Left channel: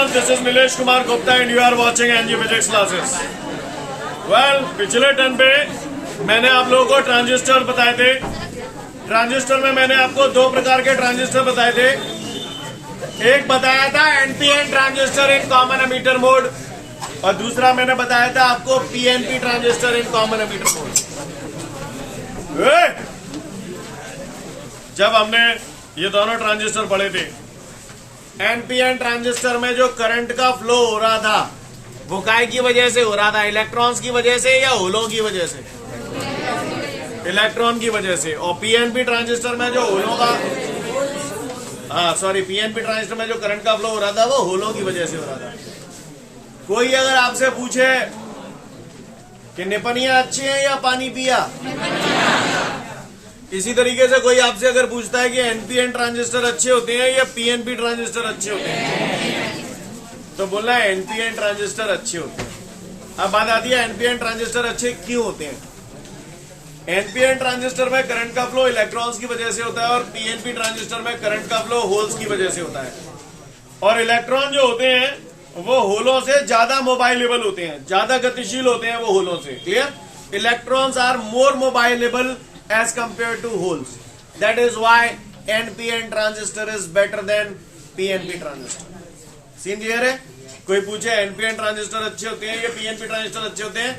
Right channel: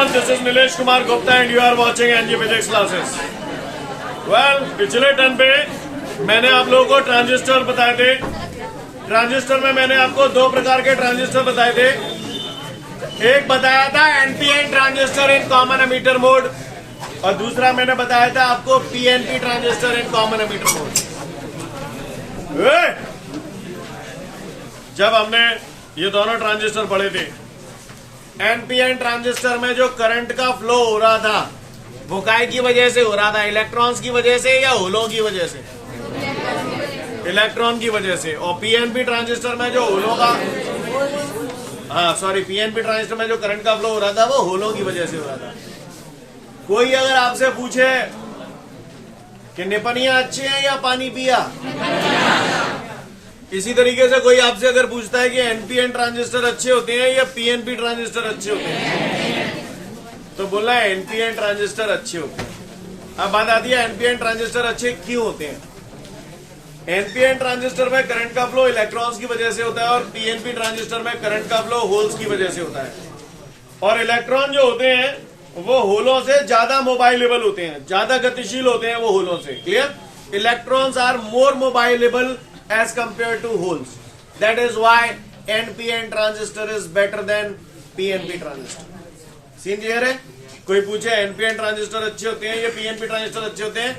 everyone, this is Nilesh Kumar Gupta and you are watching NG Physics classes. Well, पिछले turn पे मैंने आप लोगों को ट्रांजिस्टर बताए थे. ट्रांजिस्टर में मैंने आपको दो प्रकार के ट्रांजिस्टर बताए थे. एक बताया था NPN transistor in common emitter mode और दूसरा मैंने बताया था आपको PNP transistor in common emitter mode. जब हमने ये दोनों ट्रांजिस्टर पढ़े थे, एनपीएन ट्रांजिस्टर में जो करंट का फ्लो हो रहा था वो काय की वजह से हो रहा था? इलेक्ट्रॉन्स की वजह से या होलों की वजह से? इलेक्ट्रॉन की वजह से. और पीएनपी ट्रांजिस्टर में जो होलों का पीएनपी ट्रांजिस्टर में जो करंट का फ्लो हो रहा था वो होलों की वजह से हो रहा था. कोई अगर आपसे पूछे कि निपनिया अच्छी है या पानी पिया, इसी तरीके से कोई आपसे अगर पूछता है कि एनपीएन ट्रांजिस्टर अच्छे होते हैं या पीएनपी ट्रांजिस्टर अच्छे होते हैं, तो बोलना है एनपीएन ट्रांजिस्टर अच्छे होते हैं. अब बात आती है एनपीएन ट्रांजिस्टर अच्छे क्यों होते हैं. एनपीएन ट्रांजिस्टर में करंट का फ्लो इलेक्ट्रॉन्स की वजह से होता है और पीएनपी ट्रांजिस्टर में करंट का फ्लो होल्स की वजह से होता है. और इलेक्ट्रॉन जो होते हैं वो होलों से ज्यादा मोबाइलेबल होते हैं, ज्यादा गतिशील होते हैं वो होलों से. Clear? Electrons are more mobilable as compared to holes. That is why NPN transistor is better than PNP transistor. Scene clear है? कोई पूछे NPN ट्रांजिस्टर अच्छे होते हैं या PNP ट्रांजिस्टर अच्छे होते हैं?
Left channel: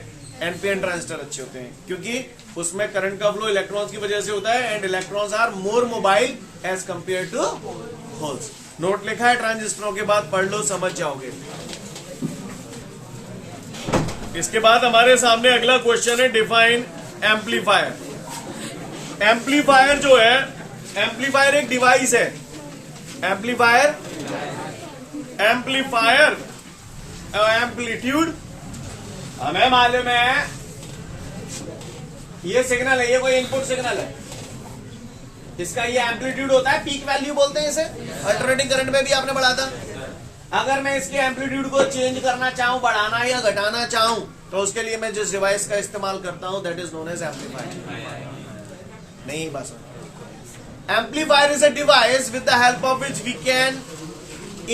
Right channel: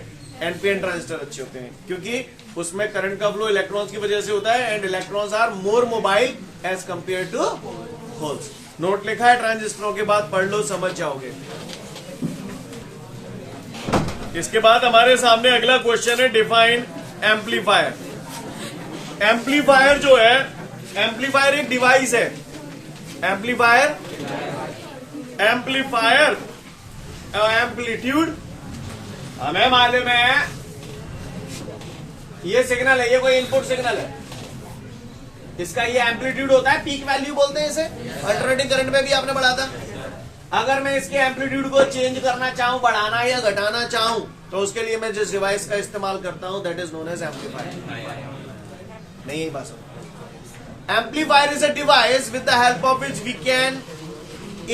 NPN ट्रांजिस्टर अच्छे होते हैं क्योंकि उसमें करंट का फ्लो इलेक्ट्रॉन्स की वजह से होता है and electrons are more mobile as compared to holes. Note लिखा है ट्रांजिस्टरों के बाद, पढ़ लो, समझ जाओगे. इसके बाद हमारे सामने अगला क्वेश्चन है डिफाइन एम्पलीफायर. एम्पलीफायर जो है, एम्पलीफायर एक डिवाइस है. एम्पलीफायर एम्पलीट्यूड हमें मालूम है ये सिग्नल है, ये कोई इनपुट सिग्नल है. इसका ये एम्पलीट्यूड होता है, पीक वैल्यू बोलते हैं इसे. अल्टरनेटिंग करंट में भी आपने पढ़ा था. अगर मैं इसके एम्पलीट्यूड को चेंज करना चाहूं, बढ़ाना या घटाना चाहूं, तो उसके लिए मैं जिस डिवाइस का इस्तेमाल करता हूं that is known as amplifier. नहीं बस amplifier is a device with the help of which we can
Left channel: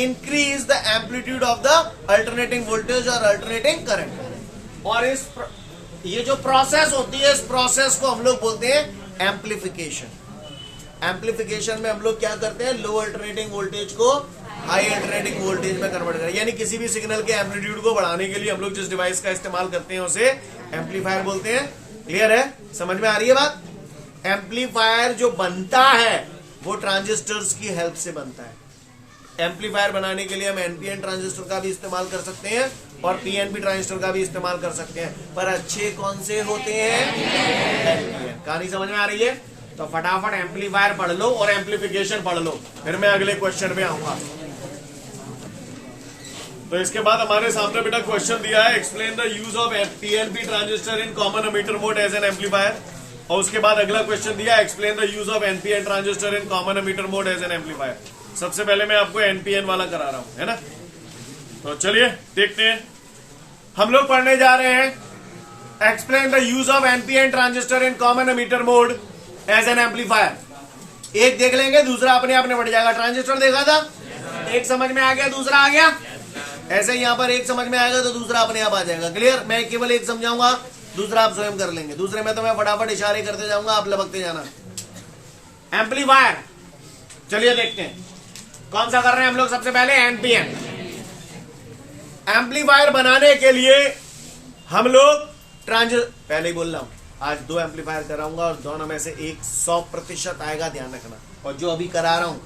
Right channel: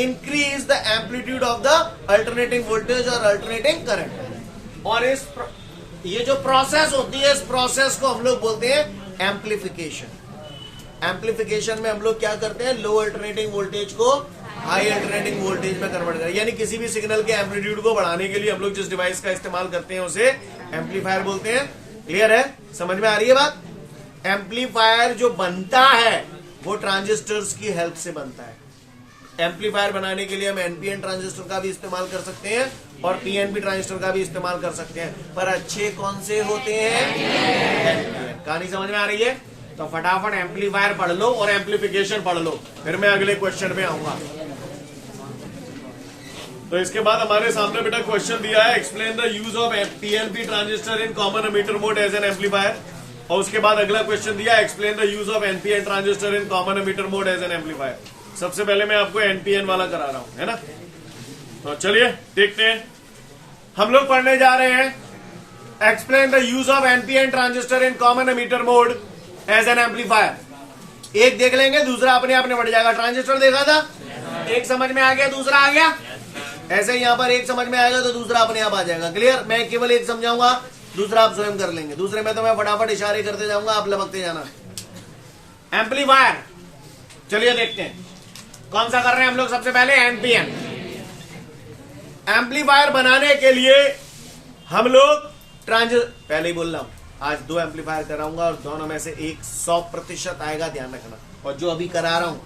increase the amplitude of the alternating voltage और अल्टरनेटिंग करंट. और ये जो प्रोसेस होती है, इस प्रोसेस को हम लोग बोलते हैं एम्पलीफिकेशन. एम्पलीफिकेशन में हम लोग क्या करते हैं? लो अल्टरनेटिंग वोल्टेज को हाई अल्टरनेटिंग वोल्टेज में कन्वर्ट करें. यानी किसी भी सिग्नल के एम्पलीट्यूड को बढ़ाने के लिए हम लोग जिस डिवाइस का इस्तेमाल करते हैं उसे एम्पलीफायर बोलते हैं. क्लियर है? समझ में आ रही है बात? एम्पलीफायर जो बनता है वो ट्रांजिस्टर्स की हेल्प से बनता है. एम्पलीफायर बनाने के लिए हम एनपीएन ट्रांजिस्टर का भी इस्तेमाल कर सकते हैं और पीएनपी ट्रांजिस्टर का भी इस्तेमाल कर सकते हैं. पर अच्छे कौन से होते हैं? एनपीएन. कहानी समझ में आ रही है? तो फटाफट एम्पलीफायर पढ़ लो और एम्पलीफिकेशन पढ़ लो, फिर मैं अगले क्वेश्चन में आऊंगा. तो इसके बाद हमारे सामने बेटा क्वेश्चन दिया है, explain the use of PNP transistor in common emitter mode as an amplifier. और उसके बाद अगला क्वेश्चन दिया, explain the use of NPN transistor in common emitter mode as an amplifier. सबसे पहले मैं आपको एनपीएन वाला करा रहा हूं, है ना? तो चलिए देखते हैं. हम लोग पढ़ने जा रहे हैं explain the use of NPN transistor in common emitter mode as an amplifier. एक देख लेंगे, दूसरा अपने आप निपट जाएगा. ट्रांजिस्टर देखा था, एक समझ में आ गया, दूसरा आ गया. ऐसे यहां पर एक समझ में आएगा तो दूसरा अपने आप आ जाएगा. क्लियर? मैं केवल एक समझाऊंगा, दूसरा आप स्वयं कर लेंगे. दूसरे में तो मैं फटाफट इशारे करते जाऊंगा, आप लपकते जाना. एम्पलीफायर, चलिए देखते हैं कौन सा कर रहे हैं हम लोग. सबसे पहले एनपीएन. एम्पलीफायर बनाने के लिए हम लोग पहले ही बोल रहा हूं, आज दो एम्पलीफायर कराऊंगा और दोनों में से एक 100% आएगा, ध्यान रखना. और जो अभी करा रहा हूं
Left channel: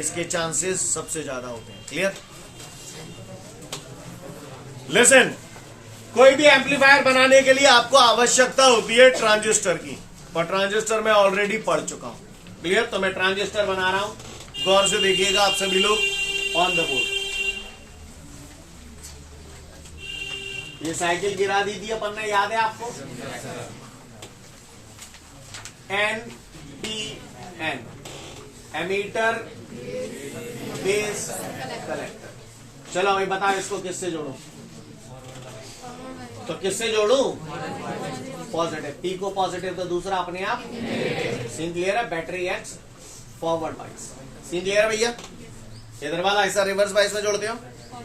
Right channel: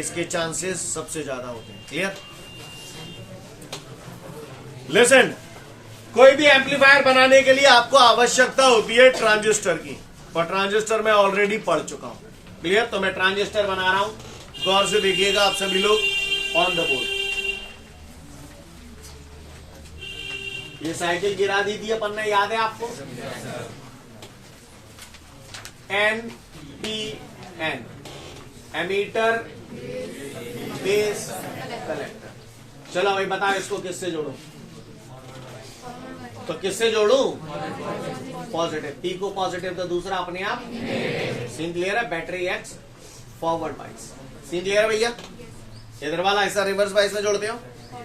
इसके चांसेस सबसे ज्यादा होते हैं. क्लियर? लिसन, कोई भी एम्पलीफायर बनाने के लिए आपको आवश्यकता होती है ट्रांजिस्टर की, और ट्रांजिस्टर मैं ऑलरेडी पढ़ चुका हूं. क्लियर? तो मैं ट्रांजिस्टर बना रहा हूं, गौर से देखिएगा आप सभी लोग ऑन द बोर्ड. ये साइकिल गिरा दी थी अपन ने, याद है आपको? NPN, emitter base collector. चलो भाई बताओ इसको किससे जोड़ूं? तो किससे जोड़ूं? पॉजिटिव. पी को पॉजिटिव तो दूसरा अपने आप. सीन क्लियर है? Battery x forward bias. Scene clear है भैया? इधर वाला हिस्सा रिवर्स बाइस में जोड़ते हो.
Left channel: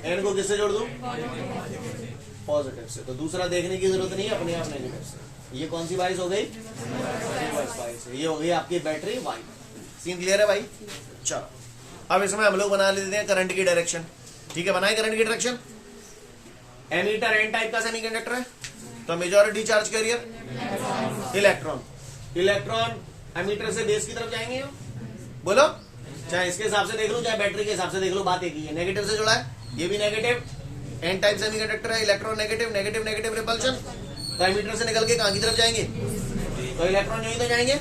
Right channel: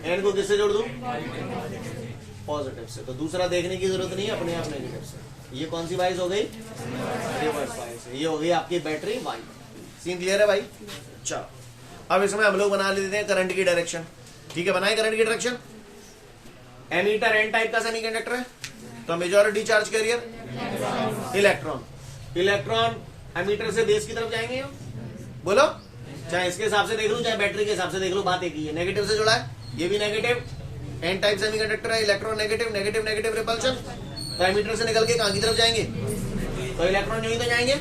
एन को किससे जोड़ दूं? पॉजिटिव से। तो दूसरा देखने की जरूरत नहीं है, अपने आप नेगेटिव से। ये कौन सी वाइज हो गई? रिवर्स वाइज है। ये हो गई आपकी बैटरी वाई। सीन क्लियर है भाई? चलो अब इसमें हम लोग बना लेते हैं करंट की डायरेक्शन। ठीक है, बनाए करंट की डायरेक्शन। एमीटर एन टाइप का सेमीकंडक्टर है, तो majority charge carrier electron. Electron emitter से बेस की तरफ जाएंगे। बोलो, चाहे इसके हिसाब से देख लूं चाहे बैटरी के हिसाब से देख लूं, बात एक ही है। नेगेटिव से जुड़ा है, ये भी नेगेटिव। एन टाइप सेमीकंडक्टर है, electron negative negative negative repulsion. तो एमीटर से निकल के कहां की तरफ जाएंगे? तो इलेक्ट्रॉन यहीं तो जाएंगे।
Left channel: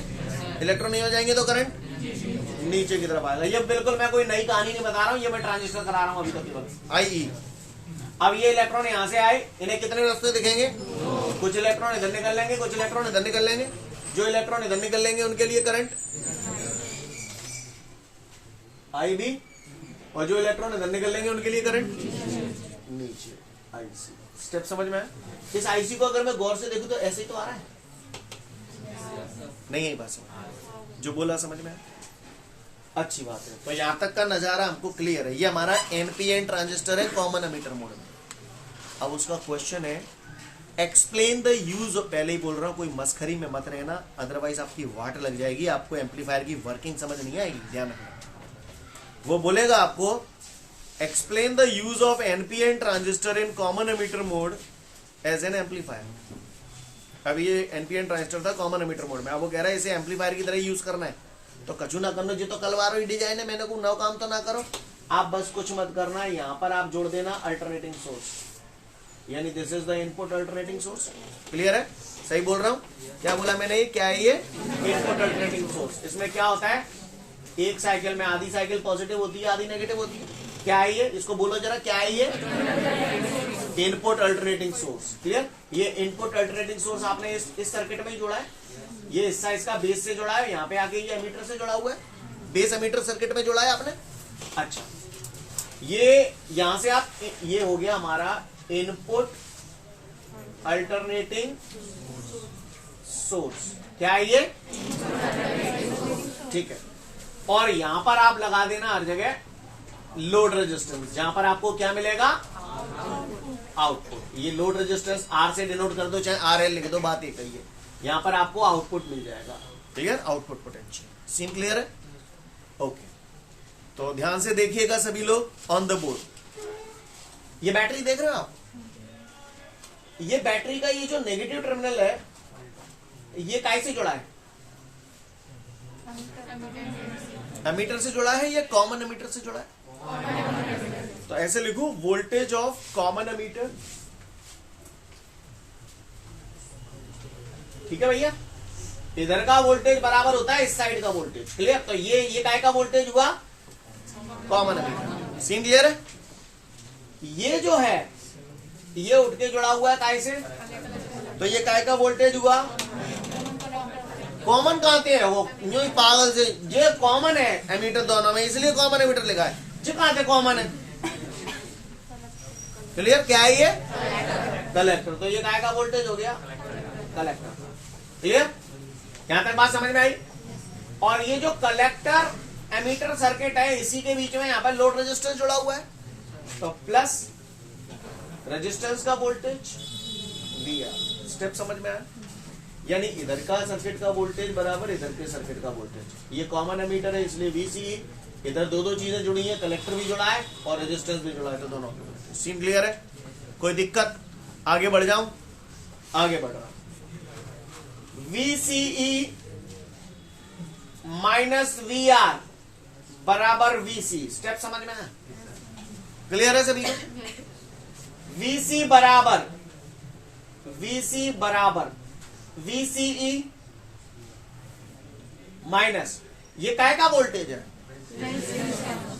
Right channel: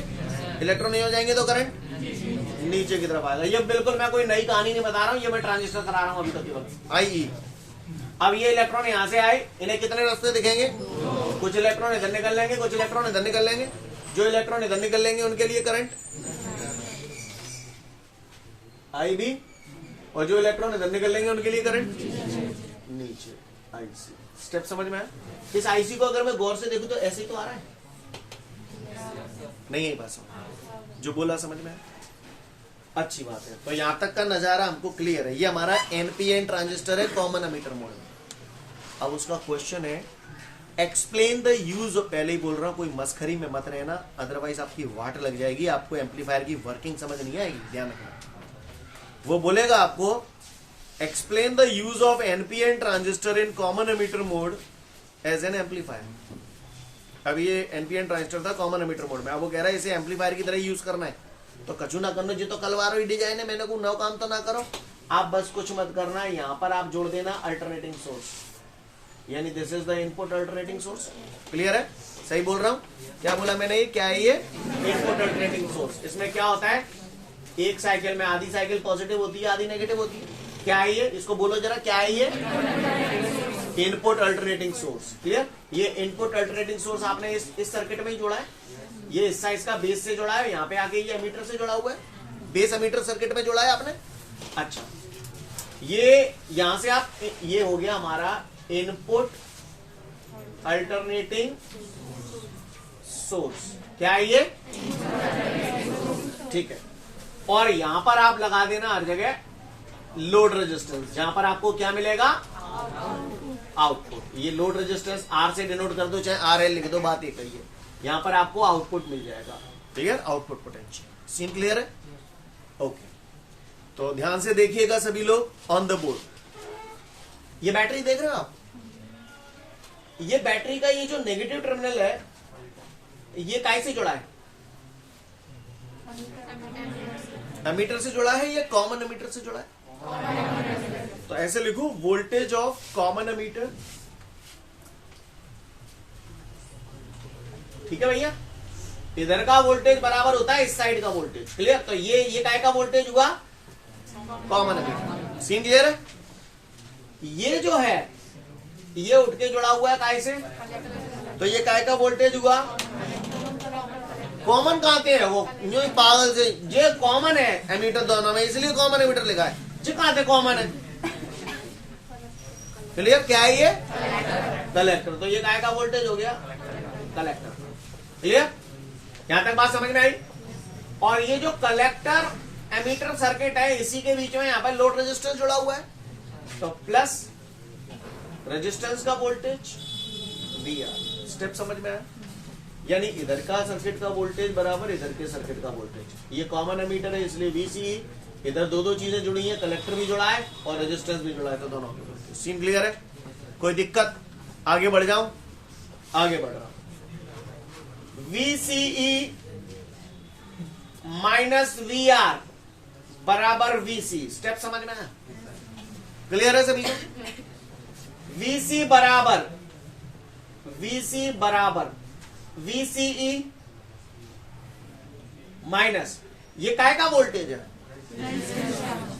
इलेक्ट्रॉन नहीं हो जाएंगे तो करंट नीचे की तरफ आएगा। ये बिल्कुल मैं कोई नई कहानी नहीं बता रहा हूं, ये मैं ट्रांजिस्टर करा रहा हूं अभी तक के वक्त। आई अब ये इलेक्ट्रॉन यहां से आए, इन्हें कितने रास्ते दिखेंगे? कुछ इलेक्ट्रॉन इधर निकल लेंगे, कुछ इलेक्ट्रॉन इधर निकल लेंगे। जो इलेक्ट्रॉन इधर निकल लेंगे उनके लिए करंट आई बी, और जो इलेक्ट्रॉन इधर निकल लेंगे उनके लिए करंट नीचे आई सी। स्टेप समझ में आया? इस आईसी को अगर मैं गौर से देखूं तो ऐसे ही तो आ रहा है, नहीं है बात समझ? जो बोला समझ में आया? अच्छी बात है। तो यहां तक का नजारा हमको क्लियर है। ये हमारा एनपीएन ट्रांजिस्टर है कॉमन एमीटर मोड में। अब उसका क्वेश्चन है एक्सप्लेन द यूज ऑफ, पहले ही बोल रहा हूं कोई मस्खरी में मत रहना, अदरवाइज आपकी वाट लग जाएगी, आपको एम्पलीफायर की वर्किंग समझ नहीं आएगी। ध्यान रखना, वो बोलेगा आपको explain the use of NPN transistor in common emitter mode as an amplifier. अब ये एनपीएन ट्रांजिस्टर था कॉमन एमीटर मोड में, अब वो कह रहा है इसे एम्पलीफायर की तरह यूज करना है। तो कछु ना करना, जो तो कलवारो डिजाइन है, मैंने को नौ काम तो ना करो। आप बस कुछ मत करना, यहां पर आप जोड़ देना अल्टरनेटिंग सोर्स, यानी this is the input alternating source. Clear है? सही बोल रहा हूं? क्या बोला मैंने? क्या है ये? Input alternating source. इसमें क्या होता है, एक साइकिल में आधी साइकिल पॉजिटिव होती है, आधी नेगेटिव होती है। क्या है ये? इसको बोलो जरा, क्या है ये? Input alternating source. क्लियर? ये इनपुट अल्टरनेटिंग सोर्स आपने इस सर्किट में ही जोड़ा है। ये हिस्सा इसका बेस से जोड़ा है, यहाँ पे आके ये एमीटर से जुड़ा हुआ है, बेस एमीटर सर्किट में जोड़ा है आपने। अच्छा, ये यहां से आप, ये हो गया हमारा इनपुट अल्टरनेटिंग सोर्स। क्या है ये? ठीक है। और यहां पर आप लगा देना हर जगह लोड रेजिस्टेंस, जहां पर आपको क्या मिलेगा? आउटपुट। ये लोड रेजिस्टेंस आर से डिनोट कर दो, चाहे आर एल लिख दो, बात एक ही है। यहां पर आपको आउटपुट मिल जाएगा। Clear? Output potential. Scene clear है? ओके, तो ध्यान से देखिएगा सभी लोग ऑन द बोर्ड। ये बैटरी देख रहे हो आप? ये बैटरी का ये जो नेगेटिव टर्मिनल है, ये काय से जुड़ा है? एमीटर से जुड़ा है या कॉमन एमीटर से जुड़ा है? तो ऐसे लिखो, वोल्टेज ऑफ कॉमन एमीटर। ठीक है भैया? इधर का वोल्टेज बराबर होता है इस साइड का वोल्टेज। क्लियर? तो ये काय का वोल्टेज हुआ? Common ammeter. सीन क्लियर है? ये जो है ये उठ के जुड़ा हुआ है काय से, तो ये काय का वोल्टेज हुआ? कॉमन कहां के है? वो यूं ही पागल से, ये कॉमन है एमीटर दोनों में, इसलिए कॉमन एमीटर लिखा है। जो कहां से कॉमन है? क्लियर? क्या है ये? कलेक्टर। तो ये काय का वोल्टेज हो गया? कलेक्टर। क्लियर? यहां तक बात समझ में आई? और ये जो कलेक्टर एमीटर सर्किट है, इसी के बीच में यहां पर लोड रेजिस्टेंस जुड़ा हुआ है, तो प्लस रेजिस्टेंस का वोल्टेज VR। स्टेप समझ में आया? यानी इधर का सर्किट का वोल्टेज बराबर इधर के सर्किट का वोल्टेज। ये कॉमन एमीटर है इसलिए VCE। इधर दो चीजें जुड़ी हैं, कलेक्टर भी जुड़ा है और रेजिस्टेंस भी जुड़ा है, तो दोनों के वोल्टेज। सीन क्लियर है? कोई दिक्कत? आगे बढ़ जाऊं? आगे बढ़ रहा हूं। VCE माइनस VR बराबर VC। स्टेप समझ में आया? क्लियर है सभी को? VC बराबर VCE माइनस, ये काय का वोल्टेज है?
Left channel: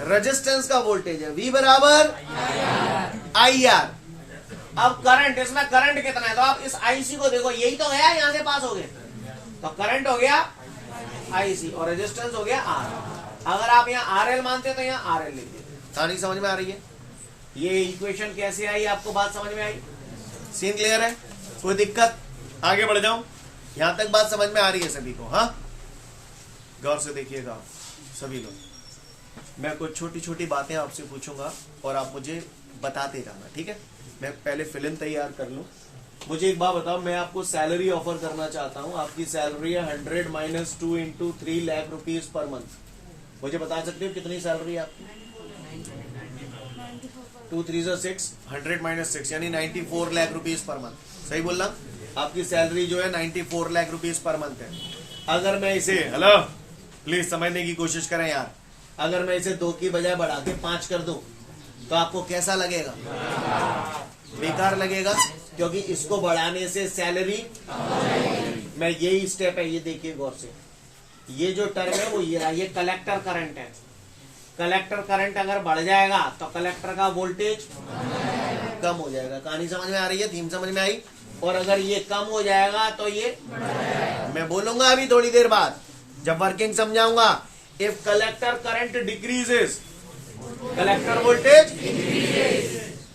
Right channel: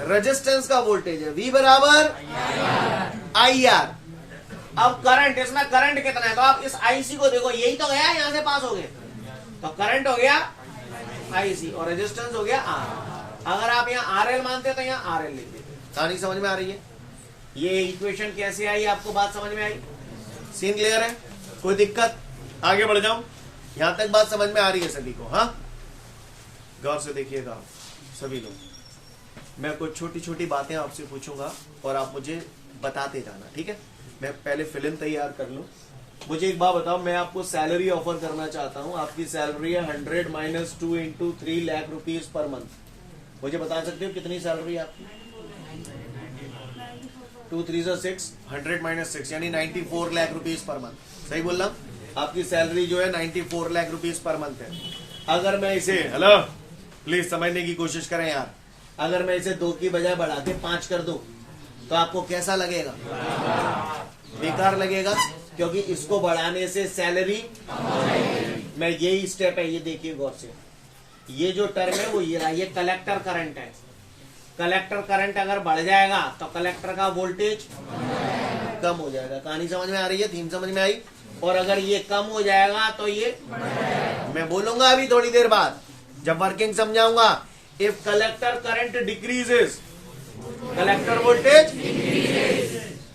रेजिस्टेंस का वोल्टेज है। V बराबर IR। अब करंट, इसमें करंट कितना है? तो आप इस IC को देखो, यही तो गया, यहां से पास हो गए, तो करंट हो गया IC और रेजिस्टेंस हो गया R। अगर आप यहां RL मानते तो यहां RL लिख देते। कहानी समझ में आ रही है? ये इक्वेशन कैसे आई? आपको बात समझ में आई? सीन क्लियर है? कोई दिक्कत? आगे बढ़ जाऊं? यहां तक बात समझ में आ रही है सभी को? हाँ, गौर से देखिएगा सभी लोग। मैं कुछ छोटी छोटी बातें आपसे पूछूंगा और आप मुझे बताते जाना, ठीक है। मैं पहले फिल्म तैयार कर लूं। मुझे एक बात बताओ, मैं आपको सैलरी ऑफर करना चाहता हूं। आपकी सैलरी है 100 minus 2 into 3 lakh rupees per month. मुझे बता सकते हो कितनी सैलरी है आपकी? 2 3 6, 100 माइनस 6 यानी 94 लाख रुपीज पर मंथ। सही बोल रहा? आपकी सैलरी जो है 94 लाख रुपीज पर मंथ है। अगर मैं इसे, हेलो प्लीज समझने की कोशिश करें यार, अगर मैं इसे 2 की बजाय बढ़ा के 5 कर दूं तो आपको कैसा लगेगा? बेकार लगेगा, क्योंकि इसको बढ़ाने से सैलरी, मैं यही स्टेप है, ये देखिए गौर से, ये जो टर्म है वो ये रहा, ये कलेक्टर करंट है। कलेक्टर करंट अगर बढ़ जाएगा तो कलेक्टर का वोल्टेज कम हो जाएगा। कहानी समझ में आ रही है? थीम समझ में आई? और अगर ये कम हो जाएगा तो ये, मैं बोलूंगा अभी थोड़ी देर बाद जब वर्किंग समझाऊंगा। If collector current decreases, collector voltage,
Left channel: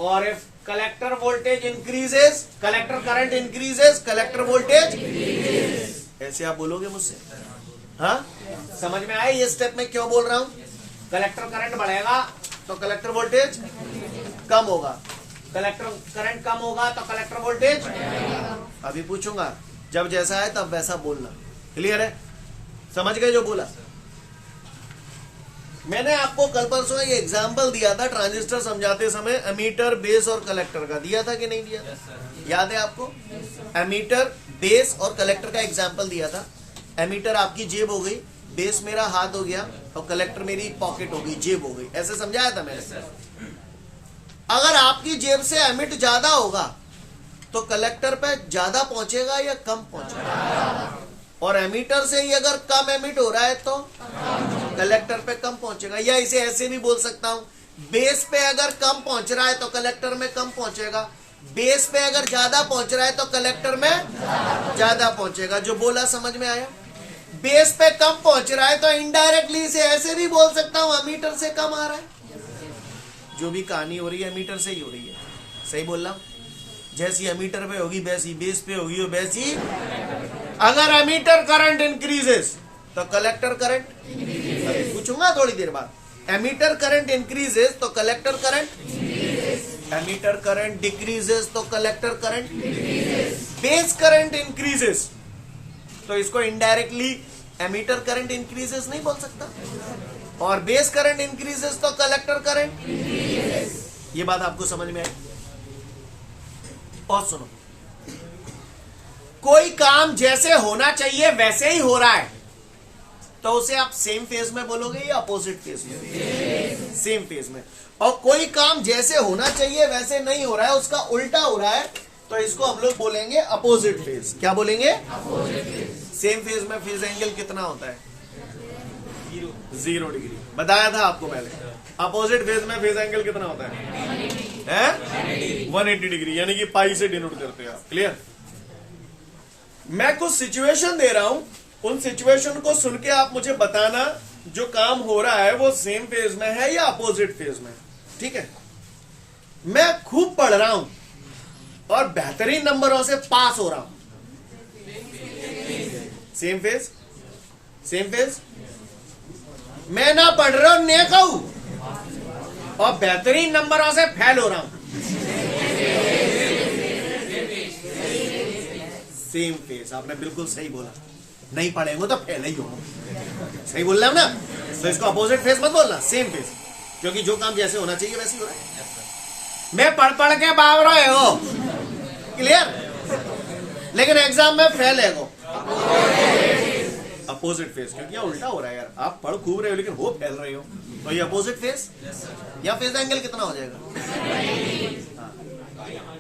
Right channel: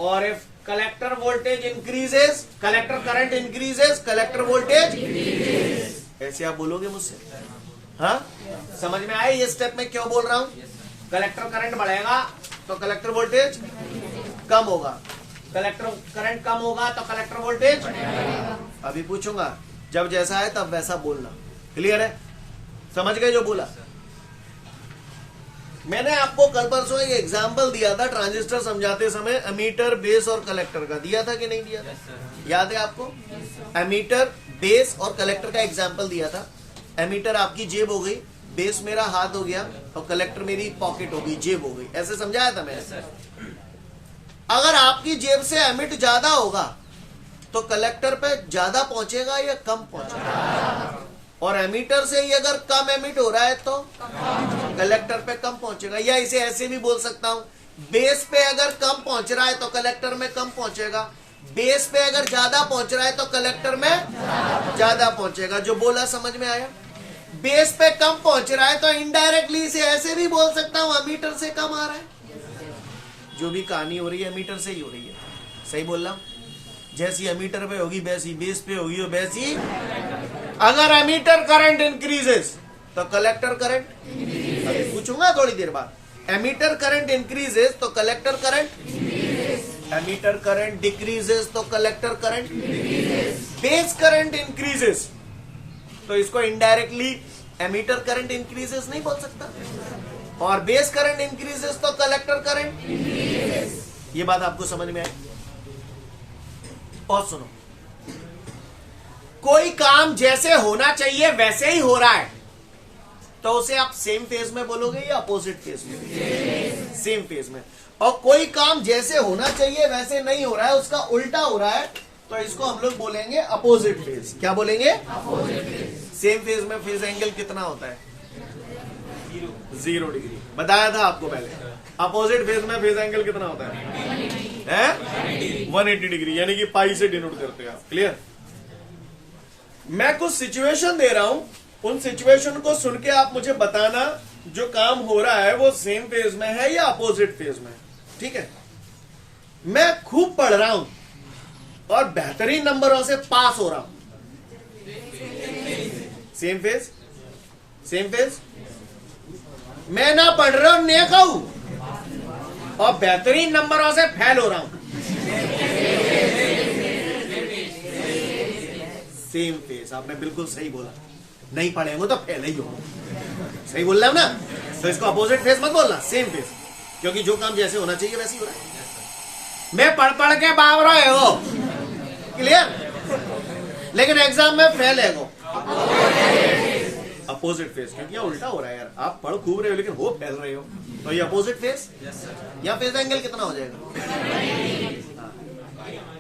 और if collector voltage increases, collector current increases, collector voltage, ऐसे आप बोलोगे मुझसे? हाँ, समझ में आए ये स्टेप में क्यों बोल रहा हूं? कलेक्टर करंट बढ़ेगा तो कलेक्टर वोल्टेज कम होगा, कलेक्टर करंट कम होगा तो कलेक्टर वोल्टेज। अभी पूछूंगा, जब जैसा है तब वैसा बोलना। क्लियर है? समझ गए जो बोला? मैंने आपको कल परसों एक एग्जाम्पल दिया था ट्रांजिस्टर समझाते समय, एमीटर, बेस और कलेक्टर का। दिया था कि नहीं दिया था? याद है आपको? एमीटर, बेस और कलेक्टर का एग्जाम्पल दिया था। एमीटर आपकी जेब हो गई, बेस मेरा हाथ हो गया और कलेक्टर मेरी पॉकेट हो गई, जेब हो गई। ऐसे समझाया था मैंने। अगर आपकी जेब से एमिट ज्यादा होगा तो कलेक्टर पे ज्यादा पहुंचेगा या कम पहुंचेगा? और एमीटर से ही अगर कम एमिट हो रहा है तो कलेक्टर पे कम पहुंचेगा। या इसे ऐसे भी बोल सकता हूं, बेस पे अगर कम पहुंच रहा है तो कलेक्टर में कम पहुंचेगा, बेस पे अगर ज्यादा पहुंच रहा है तो कलेक्टर में ज्यादा पहुंचेगा। जो बोला समझ में आया? बेस पे कम पहुंच रहा है तो इनडायरेक्टली इसे ऐसे भी बोल सकता हूं, एमीटर से कम आ रहा है। जो भी कहानी हो रही है एमीटर से ही हो रही है। सही बोल रहा हूं? जैसी एमीटर पे होगी वैसी बेस पे होगी, वैसी अगर एमीटर करंट इंक्रीजेस तो कलेक्टर करंट, अभी पूछूंगा थोड़ी देर बाद। एमीटर करंट इंक्रीजेस तो collector current, emitter current decreases तो collector current, base current increases तो इसको इनडायरेक्टली एमीटर करंट इंक्रीजेस नहीं बोल सकता, और बेस करंट इंक्रीजेस तो कलेक्टर करंट। ये बात आपको समझ में आई? और सुनो, कोई काम जैसे होना चाहिए वैसे ही हो रहा है तो उसे आप सेम फेज में बोलोगे या अपोजिट फेज में? सेम फेज में। और कोई काम जैसे होना चाहिए वैसे नहीं हो रहा है, उसका उल्टा हो रहा है, तो इसको हम लोग बोलेंगे अपोजिट फेज। क्या बोलेंगे? Opposite phase. सेम फेज में फेज एंगल कितना होता है? 0 डिग्री। बताया था आपको पहले। अपोजिट फेज में फेज एंगल कितना होता है? 180 डिग्री, यानी कि पाई से डिनोट करते हैं आप। क्लियर? मैं कुछ सिचुएशन दे रहा हूं, उन सिचुएशन को सुन के आप मुझे बताना जो काम हो रहा है वो सेम फेज में है या अपोजिट फेज में। ठीक है? मैं खूब पढ़ रहा हूं और बेहतरीन नंबरों से पास हो रहा हूं, सेम फेज? Same phase. मैं ना पढ़ रहा हूं, ने कहूं, और बेहतरीन नंबरों से फेल हो रहा हूं, सेम फेज। आपने बिल्कुल सही बोला, नहीं पढ़ेंगे तो फेल ही हो। सही बोल रहा हूं ना? तो इसको अपोजिट फेज मत बोलना, सेम फेज, क्योंकि जो काम जैसे होना चाहिए वैसे ही हो रहा है। मैं पढ़ पढ़ के बाव रहे हो, क्लियर, लेकिन एग्जाम में फेल है वो, अपोजिट फेज, क्योंकि उल्टा हो रहा है यार। आप पढ़ खूब रहे हो लेकिन हो फेल रहे हो, तो ये अपोजिट फेज। या फेज एंगल कितना हो जाएगा? हाँ।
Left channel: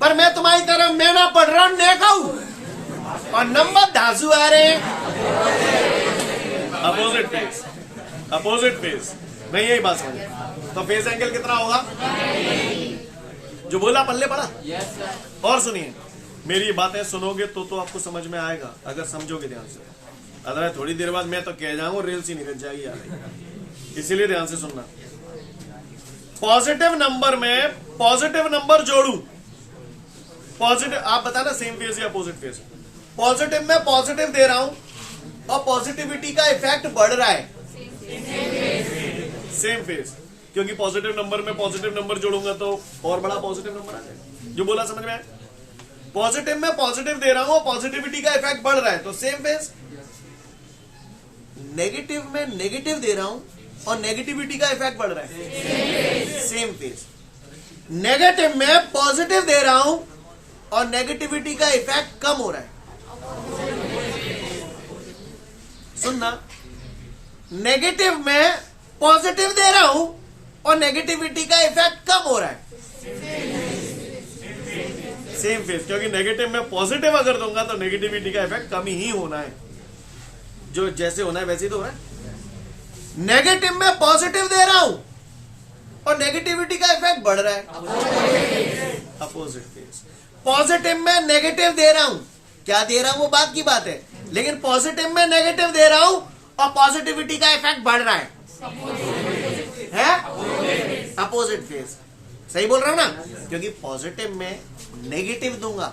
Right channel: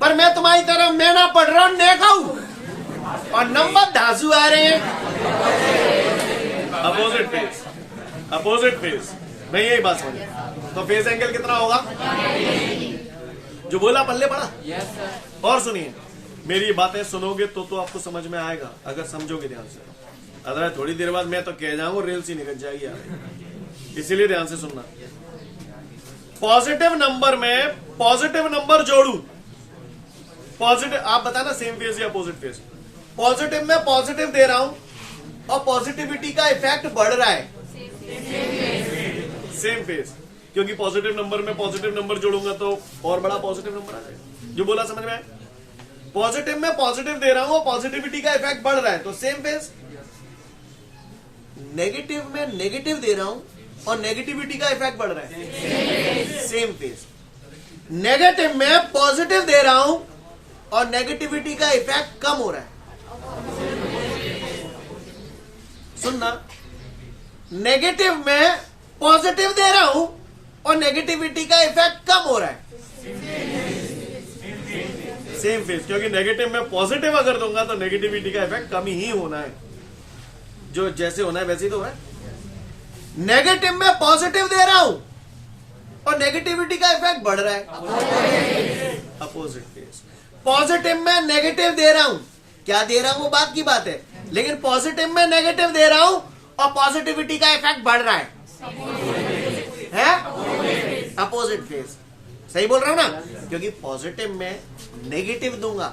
पर मैं तुम्हारी तरफ मैं ना पढ़ रहा हूं, ने कहूं, और नंबर धांसू आ रहे हैं, अपोजिट फेज। अपोजिट फेज मैं यही बात समझ। तो फेज एंगल कितना होगा? जो बोला पल्ले पड़ा। और सुनिए, मेरी बातें सुनोगे तो आपको समझ में आएगा, अगर समझोगे ध्यान से। अदरवाइज थोड़ी देर बाद मैं तो कह जाऊंगा रेल सी निकल जाएगी यार, इसीलिए ध्यान से सुनना। पॉजिटिव नंबर में पॉजिटिव नंबर जोड़ू, पॉजिटिव, आप बताना सेम फेज या अपोजिट फेज। पॉजिटिव में पॉजिटिव दे रहा हूं और पॉजिटिविटी का इफेक्ट बढ़ रहा है, सेम फेज। क्योंकि पॉजिटिव नंबर में पॉजिटिव नंबर जोड़ूंगा तो और बड़ा पॉजिटिव नंबर आ जाएगा। जो बोला समझ में आया? पॉजिटिव में पॉजिटिव दे रहा हूं, पॉजिटिविटी का इफेक्ट बढ़ रहा है तो सेम फेज। नेगेटिव में नेगेटिव दे रहा हूं और नेगेटिविटी का इफेक्ट बढ़ रहा है, सेम फेज। नेगेटिव में पॉजिटिव दे रहा हूं और नेगेटिविटी का इफेक्ट कम हो रहा है। सुनना, नेगेटिव में पॉजिटिव दे रहा हूं और नेगेटिविटी का इफेक्ट कम हो रहा है, सेम फेज। क्योंकि नेगेटिव में पॉजिटिव अगर दूंगा तो नेगेटिविटी का इफेक्ट कम ही होना है, जो जैसे होना है वैसे ही तो हो रहा है। नेगेटिव में पॉजिटिव दे रहा हूं और नेगेटिविटी का इफेक्ट बढ़ रहा है, अपोजिट फेज। पॉजिटिव में नेगेटिव दे रहा हूं, क्या दे रहा हूं वो बात की बात है, लेकिन पॉजिटिव में नेगेटिव दे रहा हूं और पॉजिटिविटी का इफेक्ट बढ़ रहा है, अपोजिट फेज। सही बोल रहा हूं ना? क्योंकि पॉजिटिव में नेगेटिव दूंगा,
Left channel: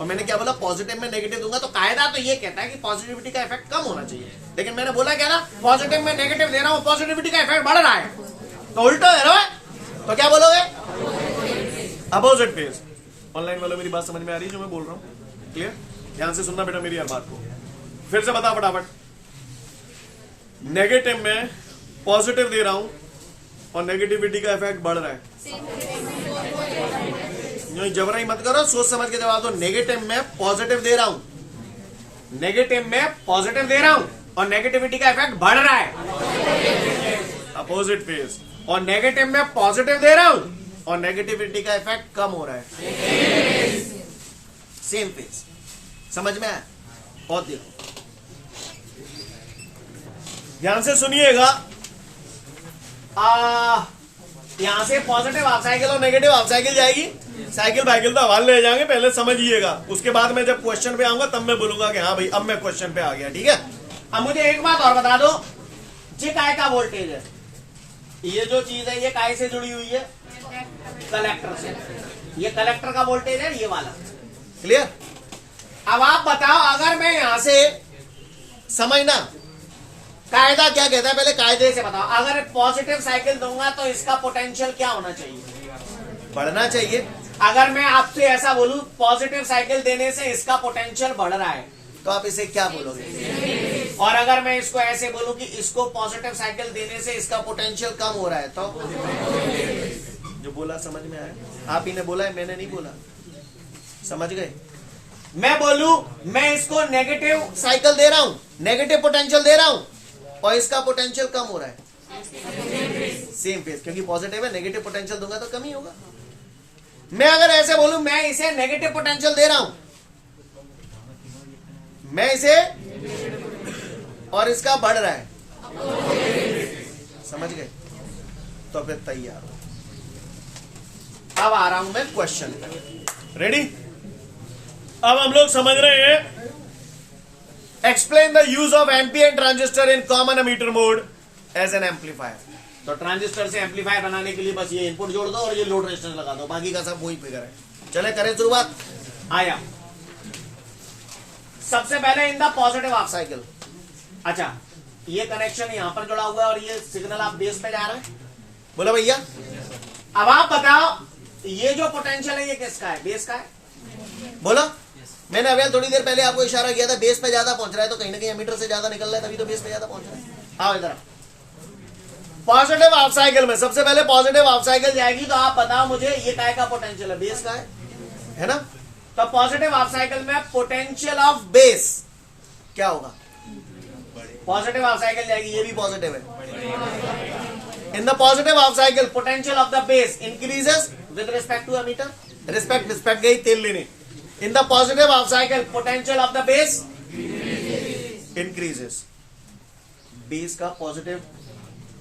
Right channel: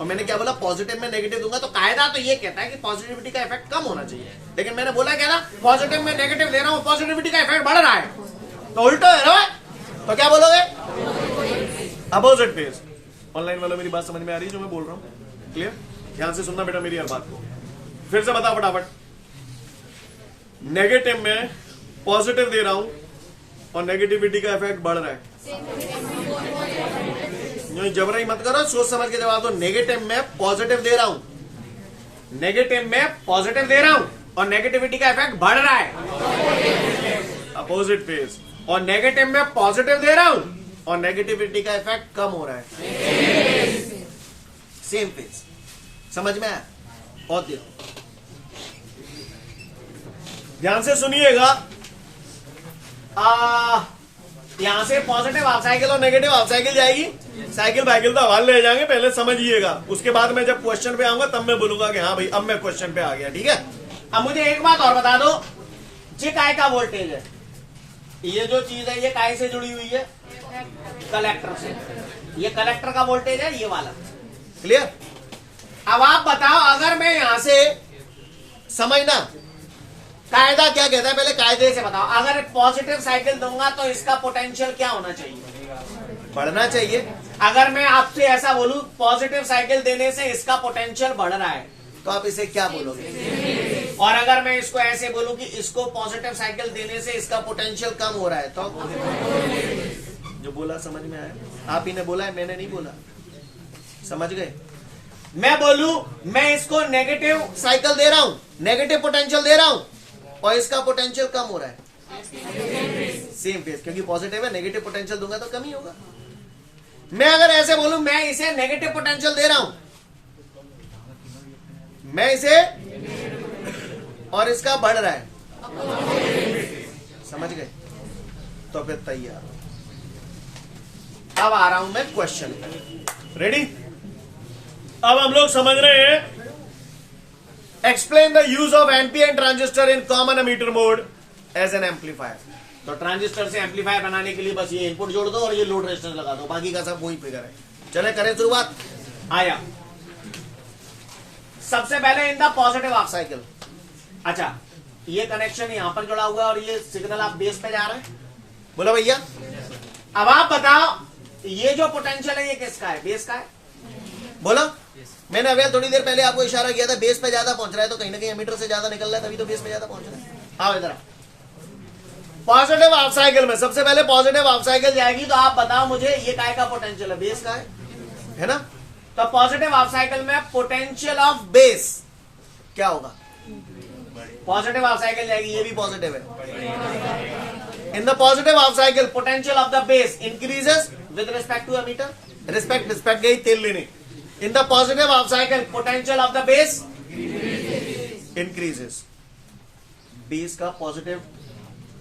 और मैंने क्या बोला, पॉजिटिव में नेगेटिव दूंगा तो कायदा तो ये कहता है कि पॉजिटिविटी का इफेक्ट कम होना चाहिए, लेकिन मैंने बोला क्या ना, पॉजिटिव में नेगेटिव दे रहा हूं, पॉजिटिविटी का इफेक्ट बढ़ रहा है, तो उल्टा है ना? तो क्या बोलोगे? Opposite phase. ऑनलाइन वालों मेरी बात समझ में आ रही है जो मैं बोल रहा हूं? क्लियर? ध्यान से सुनना बेटा मेरी हर बात को। फिर से बता फटाफट। नेगेटिव में पॉजिटिव दे रहा हूं और नेगेटिविटी का इफेक्ट बढ़ रहा है। जबरई मत करो, सोच समझ के जवाब दो। नेगेटिव में पॉजिटिव दे रहा हूं, नेगेटिव में पॉजिटिव दे रहा हूं और नेगेटिविटी का इफेक्ट बढ़ रहा है, अपोजिट फेज। और नेगेटिव में पॉजिटिव दे रहा हूं और नेगेटिविटी का इफेक्ट कम हो रहा है, सेम फेज। समझ में आया? और देखो ध्यान से सुनिएगा। यहां से पॉजिटिव हाफ साइकिल और नेगेटिव हाफ साइकिल जाएगी, साइकिल बाइकिल तो हवाले ले जाएंगे, पहले समझिएगा। उसके बाद मैं जब क्वेश्चन पे आऊंगा तब मैं बोलूंगा कि हाँ भाई अब मैं क्वेश्चन पे आ गया, ठीक है? अब मुझे एक बात और बता दो, ये काय का वोल्टेज है? ये जो चीज है ये काय से जुड़ी हुई है? कलेक्टर से। ये कलेक्टर का वोल्टेज है, ये वाला। क्लियर? अब आप बताओ, अगर मैं यहां से, समझना कायदा क्या कहता है, पहले कायदे से बताओ। अगर पॉजिटिव साइकिल दूंगा तो इसका पोटेंशियल क्या होना चाहिए? बढ़ना चाहिए। अगर मैं आपसे ऐसा बोलूं, पॉजिटिव साइकिल देने से इसका पोटेंशियल बढ़ रहा है, तो आप इसे क्या बोलोगे? और अगर मैं इसको ऐसे बोलूं कि इसको पॉजिटिव साइकिल देने से इसका पोटेंशियल कम हो रहा है, तो जो बोला समझ में आया? आप ही ने बोला है, मैंने नहीं बोला। समझ गए? मैं बोलूं, मैं इसको नेगेटिव साइकिल दे रहा हूं, नेगेटिव पोटेंशियल दे रहा हूं और इसका पोटेंशियल कम हो रहा है, सेम फेज। क्योंकि पॉजिटिव है, नेगेटिव पोटेंशियल दूंगा तो कम ही होगा। मैं अगर ऐसे बोलूं, मैं इसे नेगेटिव पोटेंशियल दे रहा हूं, मैं इसे, और इसका बढ़ रहा है, समझ गए? तो फिर तैयार हो। अब आ रहा हूं मैं क्वेश्चन पर। रेडी? अब हम लोग समझ रहे हैं, explain the use of NPN transistor in common emitter mode as an amplifier. तो ट्रांजिस्टर से एम्पलीफायर बनाने के लिए बस ये इनपुट जोड़ दो और ये लोड रेजिस्टेंस लगा दो, बाकी का सब वही फिगर है। चले करें शुरुआत। आया सबसे पहले इन द पॉजिटिव हाफ साइकिल। अच्छा, ये कनेक्शन यहां पर जुड़ा हुआ है और ये सिग्नल आप बेस पे जा रहा है, बोलो भैया। अब आप बताओ, ये जो पोटेंशियल है ये किसका है? बेस का है, बोलो। मैंने अभी थोड़ी देर पहले आपको इशारा किया था, बेस पे ज्यादा पहुंच रहा है तो कहीं ना कहीं एमीटर से ज्यादा निकल रहा है, तभी तो बेस पे ज्यादा पहुंच रहा है। आओ इधर। पॉजिटिव हाफ साइकिल में सबसे पहले पॉजिटिव हाफ साइकिल जाएगी, तो आप बताओ मुझे ये काय का पोटेंशियल है? बेस का है ना? तो पॉजिटिव हाफ साइकिल में पोटेंशियल ऑफ बेस क्या होगा? पॉजिटिव हाफ साइकिल जाएगी, ये भी पॉजिटिव है। In the positive half cycle potential of the base increases with respect to emitter. Respect गई तेल लेने। In the positive half cycle, potential of the base increases. Base का पॉजिटिव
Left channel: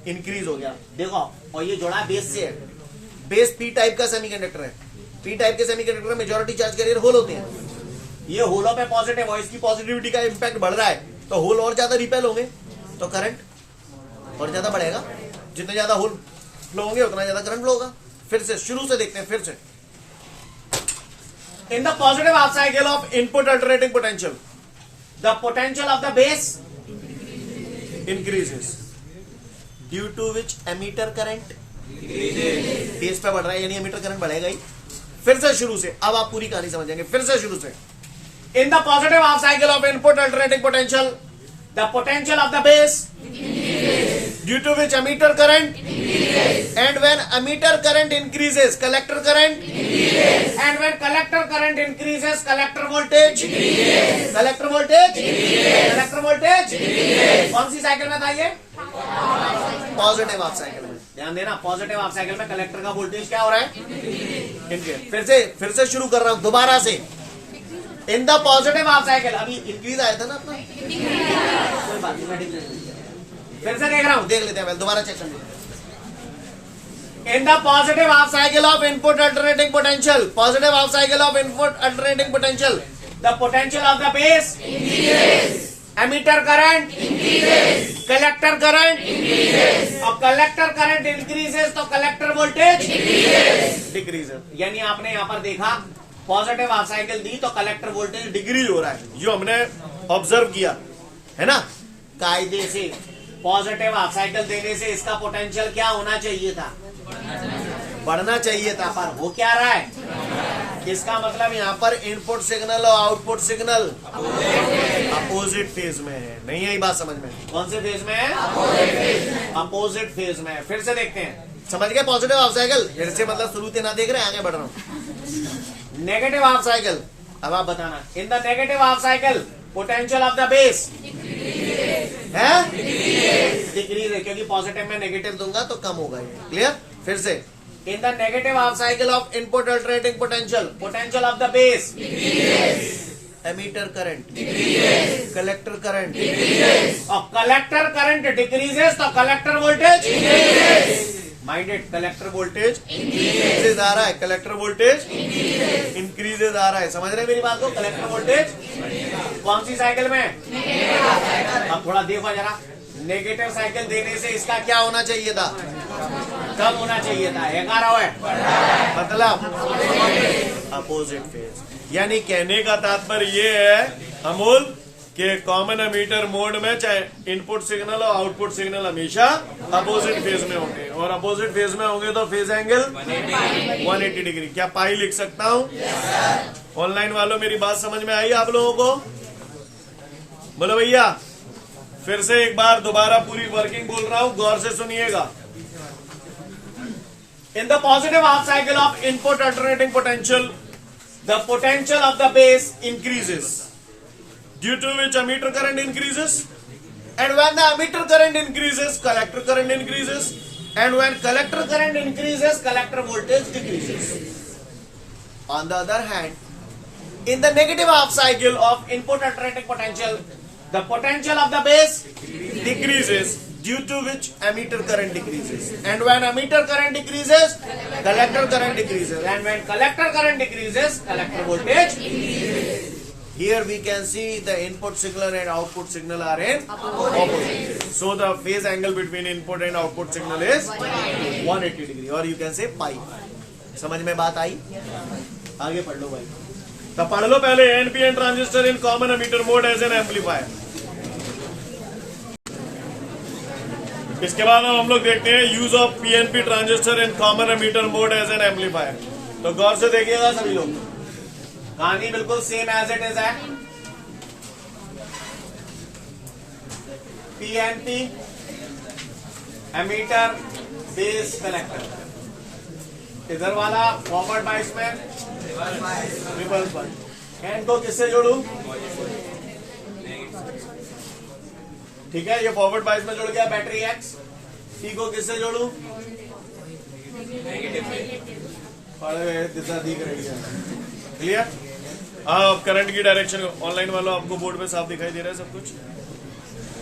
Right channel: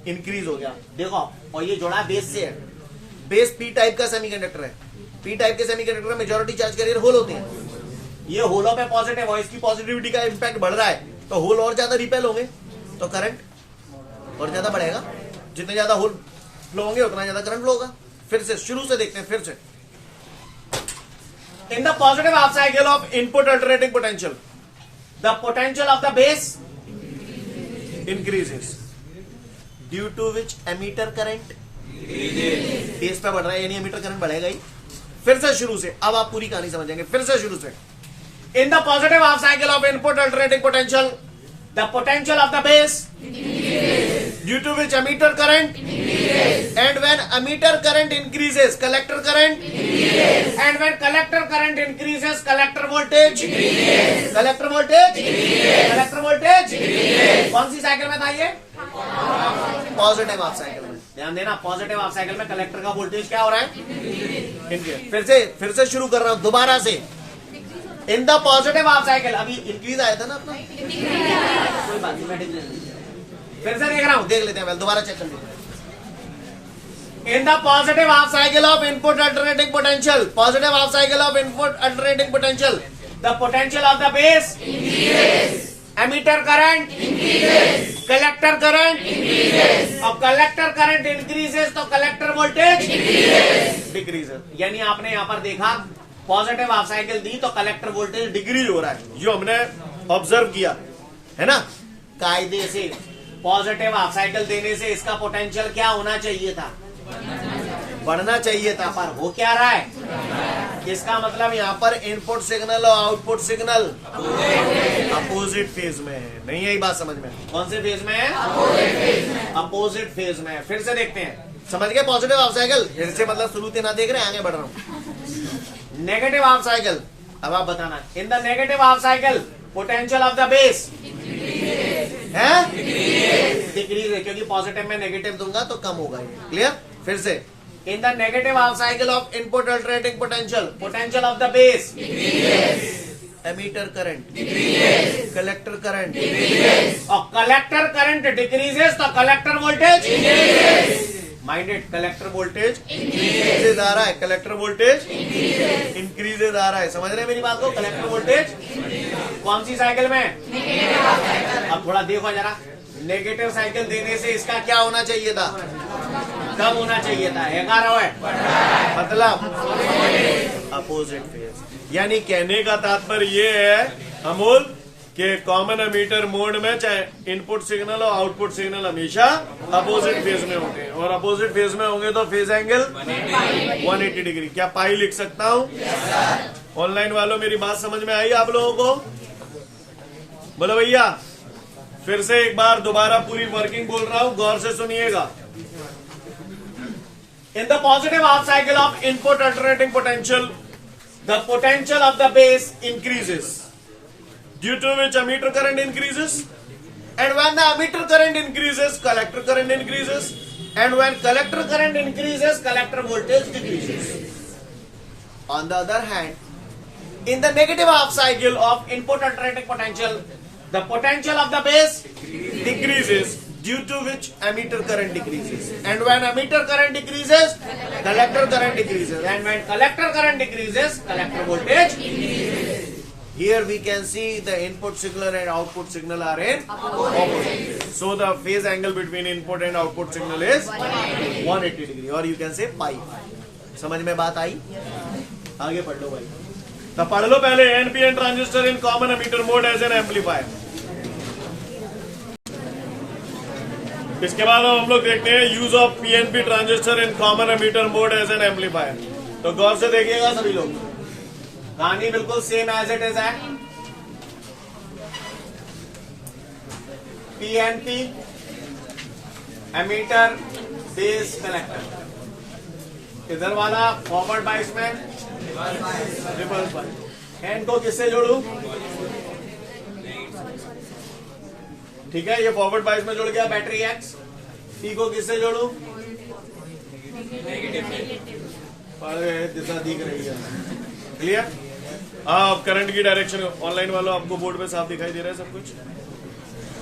इंक्रीज हो गया, देखो। और ये जोड़ा बेस से है। बेस पी टाइप का सेमीकंडक्टर है। पी टाइप के सेमीकंडक्टर में मेजॉरिटी चार्ज कैरियर होल होते हैं। ये होलों पे पॉजिटिव और इसकी पॉजिटिविटी का इंपैक्ट बढ़ रहा है, तो होल और ज्यादा रिपेल होंगे, तो करंट और ज्यादा बढ़ेगा। जितने ज्यादा होल फ्लो होंगे उतना ज्यादा करंट फ्लो होगा। फिर से शुरू से देखते हैं, फिर से। In the positive half cycle of input alternating potential, the potential of the base increases, due to which emitter current phase पे बढ़ रहा है यानी एमीटर करंट बढ़ेगा ही। फिर से शुरू से, अब आप पूरी कहानी समझेंगे। फिर से शुरू से। In the positive half cycle of input alternating potential the potential of the base due to which emitter current and when emitter current increases collector current and when collector current increases collector voltage collector voltage कौन सी cycle में था ये? Positive half cycle में। ध्यान देना, positive half cycle में collector का voltage क्या हो रहा है? इनके। फिर से शुरू कर रहा हूं दोबारा से। In the positive half cycle, अभी इंक्रीज आया था ना अपना, कोई बात नहीं, मैं फिर से देख रहा हूं, देख लेते हैं, दोबारा चेक कर लेते हैं। In the positive half cycle of input alternating potential, positive half cycle of input alternating potential, the potential of the base increases, emitter current increases, collector current increases, और collector current increases तो collector voltage decreases। यानी आपने यहाँ पर देखा positive half cycle दी तो collector voltage decrease हो रहा है, जो हमने ऑब्जर्व किया है ना कायदे से। पॉजिटिव हाफ साइकिल देने से इसका पोटेंशियल क्या होना चाहिए था? बढ़ना चाहिए था, पर हो क्या रहा है? इसका मतलब यहाँ पर इनपुट सिग्नल और आउटपुट सिग्नल अपोजिट फेज में है। नहीं है ये बात समझ में? कौन से फेज में है? अपोजिट फेज में है। फिर से देखते हैं, समझ गए? पॉजिटिव हाफ साइकिल फिर से मतलब शुरू से ना देख रहे, आगे बढ़ रहा हूं। नेगेटिव हाफ साइकिल, अब आप बताना। इन the negative half cycle potential of the base है डिक्रीज है, क्योंकि पॉजिटिव में नेगेटिव दूंगा तो कम होगा ये। क्लियर? फिर से, in the negative half cycle of input alternating potential of the base emitter current collector current और कलेक्टर करंट डिक्रीजेस तो collector voltage minded, collector voltage increases आ रहा है, कलेक्टर वोल्टेज इंक्रीजेज आ रहा है। समझ रहे हैं मेरी बात को? कलेक्टर वोल्टेज कौन सी साइकिल में? अब थोड़ा देखो जरा, नेगेटिव साइकिल देने से इसका क्या होना चाहिए था? कम होना चाहिए था, 11 है, मतलब अपोजिट फेज। यानी कहने का तात्पर्य ये है अमूल कि कॉमन एमीटर मोड में चाहे इनपुट सिग्नल और आउटपुट सिग्नल हमेशा अपोजिट फेज में होंगे, और अपोजिट फेज में होंगे तो फेज एंगल 180 डिग्री। क्या पाई लिख सकता हूं? ऑनलाइन वालों मेरी बात समझ में आई आप लोगों को? बोलो भैया। फिर से एक बार दोबारा पूरी वर्किंग बोल रहा हूं, गौर से सुनिएगा। इन the positive half cycle of input alternating potential the potential of the base increases due to which emitter current increases, and when the emitter current increases collector current increases, and when collector current increases collector voltage decreases. On the other hand, in the negative half cycle of input alternating potential the potential of the base decreases due to which emitter current decreases, and when emitter current decreases collector current decreases, and when collector current decreases collector voltage increases. Here we can see the input signal and output signal are in opposite. So the phase angle between input and output signal is 180 degree, or you can say pi. समझ में बात आई? आगे पढ़ लो भाई। तो पढ़ लो पहले NPN transistor in common emitter mode as an amplifier. इसके बाद हम लोग देखते हैं use of PNP transistor in common emitter mode as an amplifier. तो गौर से देखिएगा सभी लोग, कहानी बिल्कुल सेम एज इट इज है। PNP एमीटर बेस कलेक्टर, इधर वाला फॉरवर्ड बाइस में रिवर्स बाइस। एन को किससे जोड़ू? ठीक है, ये फॉरवर्ड बाइस में जुड़ गया बैटरी एक्स। पी को किससे जोड़ू? दिशा दिख रही है। क्लियर? हाँ, करंट की डायरेक्शन ऑनलाइन वालों आपको बोर्ड पे साफ दिखाई दे रहा है सब कुछ?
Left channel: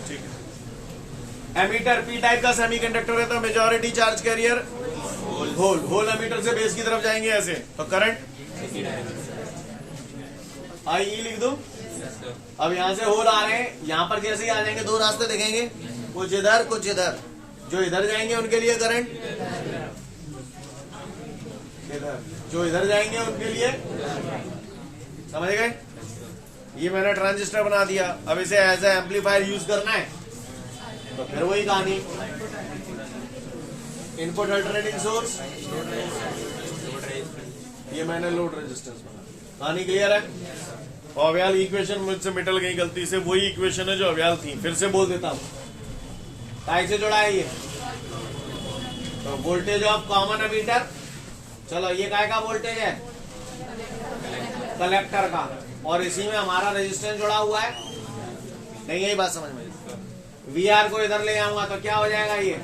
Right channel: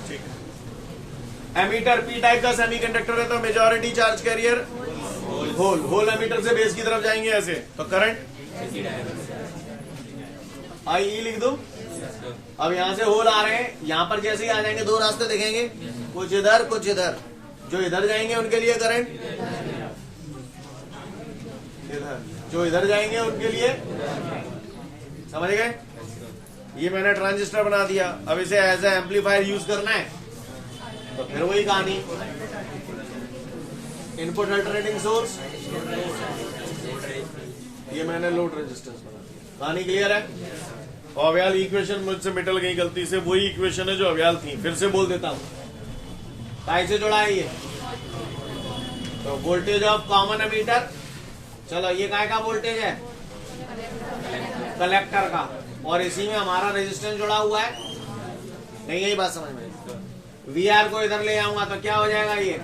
ठीक है। एमीटर पी टाइप का सेमीकंडक्टर है तो majority charge carrier hole emitter से बेस की तरफ जाएंगे ऐसे, तो करंट आई लिख दूं। अब यहां से होल आ रहे हैं, यहां पर जैसे ही आ जाएंगे दो रास्ते दिखेंगे, कुछ इधर कुछ इधर। जो इधर जाएंगे उनके लिए करंट इधर, जो इधर जाएंगे उनके लिए, समझ गए? ये मैंने ट्रांजिस्टर बना दिया। अब इसे एज ए एम्पलीफायर यूज करना है तो फिर वही कहानी, इनपुट अल्टरनेटिंग सोर्स, ये मैंने लोड रेजिस्टेंस बना दिया। कहानी क्लियर है? अव्याल इक्वेशन मुझसे मिटल गई गलती से, वही इक्वेशन है जो अव्याल थी। फिर से बोल देता हूं, कैसे जोड़ा है ये? तो वोल्टेज ऑफ कॉमन एमीटर, चलो ये काय का वोल्टेज है? कलेक्टर का, और इसी में हमारा रेजिस्टेंस जुड़ा हुआ है। नहीं यही बात समझ में? VR को इधर ले आऊंगा तो क्या हो जाएगा? ये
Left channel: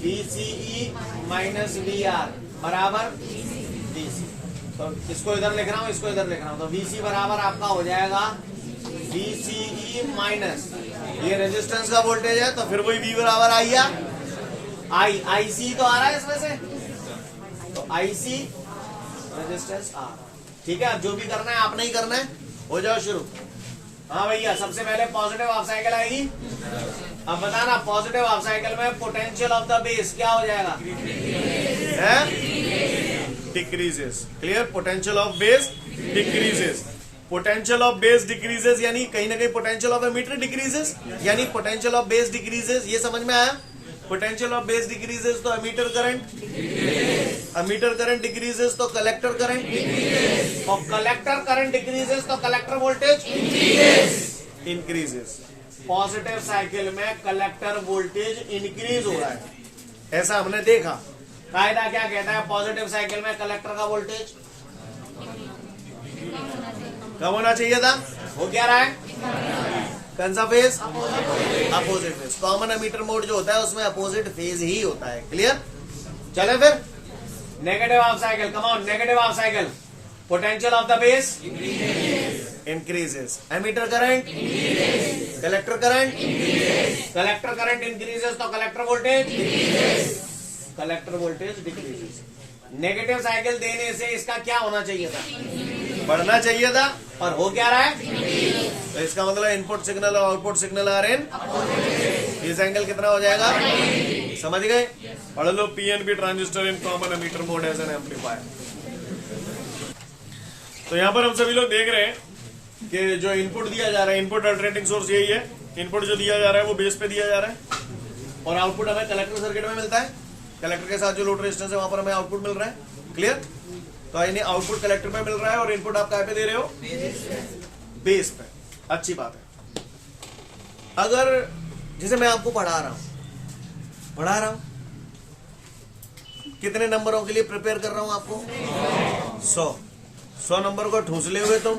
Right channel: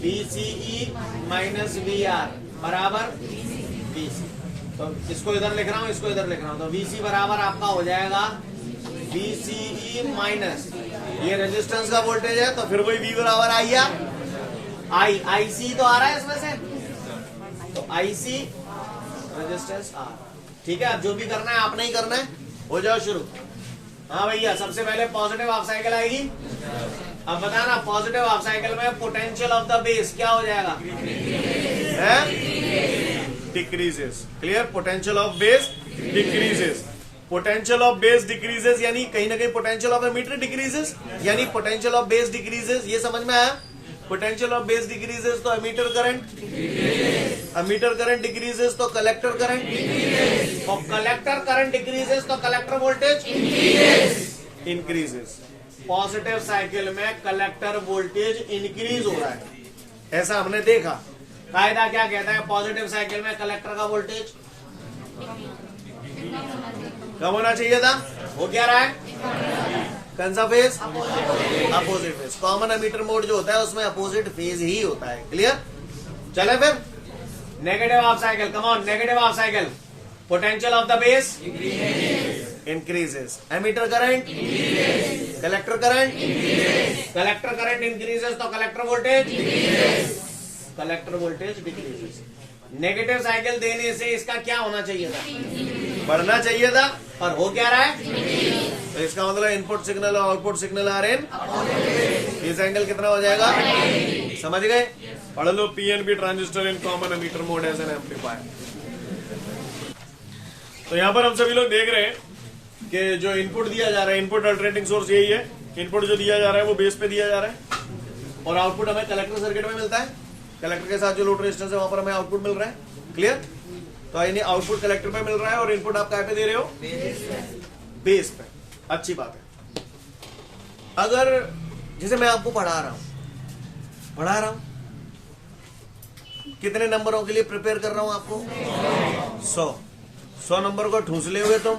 VCE माइनस VR बराबर VC। तो इसको इधर लिख रहा हूँ, इसको इधर लिख रहा हूँ, तो VC बराबर आपका हो जाएगा VCE माइनस, ये रेजिस्टेंस का वोल्टेज है, तो फिर वही V बराबर IC तो आ रहा है इसमें से, तो IC रेजिस्टेंस R। ठीक है, अब जो भी करना है आपने ही करना है। हो जाओ शुरू। हाँ भैया, सबसे पहले पॉजिटिव हाफ साइकिल आएगी। अब बताना, पॉजिटिव हाफ साइकिल में पोटेंशियल ऑफ द बेस क्या हो जाएगा? Decreases. Clear? Potential of base decreases. Potential of base decreases यानी कहीं ना कहीं पोटेंशियल ऑफ एमीटर डिक्रीजेस, यानी पोटेंशियल ऑफ बेस डिक्रीजेस। ये समझ में आया? पोटेंशियल ऑफ बेस डिक्रीजेस तो emitter current, emitter current decreases तो कलेक्टर करंट, और कलेक्टर करंट डिक्रीजेस तो collector voltage increases. Positive cycle में कलेक्टर वोल्टेज इंक्रीज हो रहा है, ऐसा हमने देखा। कायदा क्या कहता है? पॉजिटिव साइकिल में कलेक्टर का वोल्टेज कम होना चाहिए था, हो क्या रहा है? कौन सा phase? Opposite phase. Common emitter mode जो होता है उसमें अपोजिट फेज ही होता है। क्लियर? चले फिर negative half cycle, come on, negative half cycle. Potential of the base increases, emitter current, collector current, collector current increases तो collector voltage decreases. Negative cycle देने से इसका क्या होना चाहिए था? बढ़ना चाहिए था, और हो क्या रहा है? तो इसका मतलब इनपुट सिग्नल और आउटपुट सिग्नल आ रहे हैं। इस एंगल कितना हो जाएगा? समझ गए? पढ़ लो, PNP transistor in common emitter mode as an amplifier. तो यहां पर हम सभी लोग देख रहे हैं कि जो इनपुट दिया जा रहा है, इनपुट अल्टरनेटिंग सोर्स यही है। इनपुट जो दिया जा रहा है वो बेस पे दिया जा रहा है, और आउटपुट हमें कलेक्टर सर्किट में मिलता है। कलेक्टर के साथ जो लोड रेजिस्टेंस है वहां पर हमें आउटपुट मिल रहा है। क्लियर? तो यानी आउटपुट कलेक्टर पे मिल रहा है और इनपुट आप क्या पे दे रहे हो? बेस पे। अच्छी बात है। अगर जैसे मैं आपको पढ़ा रहा हूं, कितने नंबरों के लिए प्रिपेयर कर रहा हूं आपको? 100 नंबर को ठूस ले हुए तुम,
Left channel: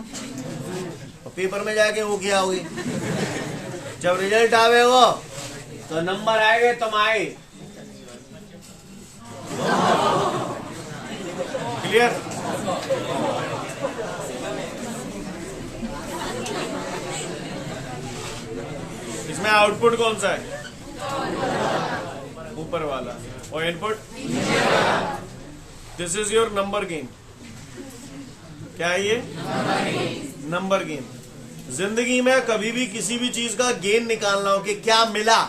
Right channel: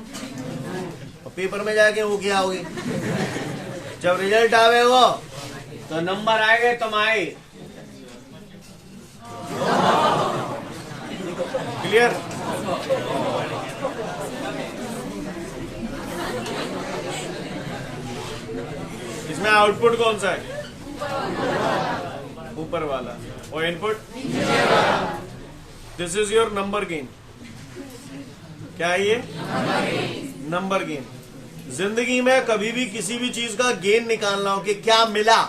और पेपर में जाके वो किया होगी। जब रिजल्ट आवेगा तो नंबर आएंगे तुम आए। क्लियर? इसमें आउटपुट कौन सा है? ऊपर वाला, और input this is your number gain. क्या है ये? Number gain. जिंदगी में कभी भी किसी भी चीज का गेन निकालना हो कि क्या मिला,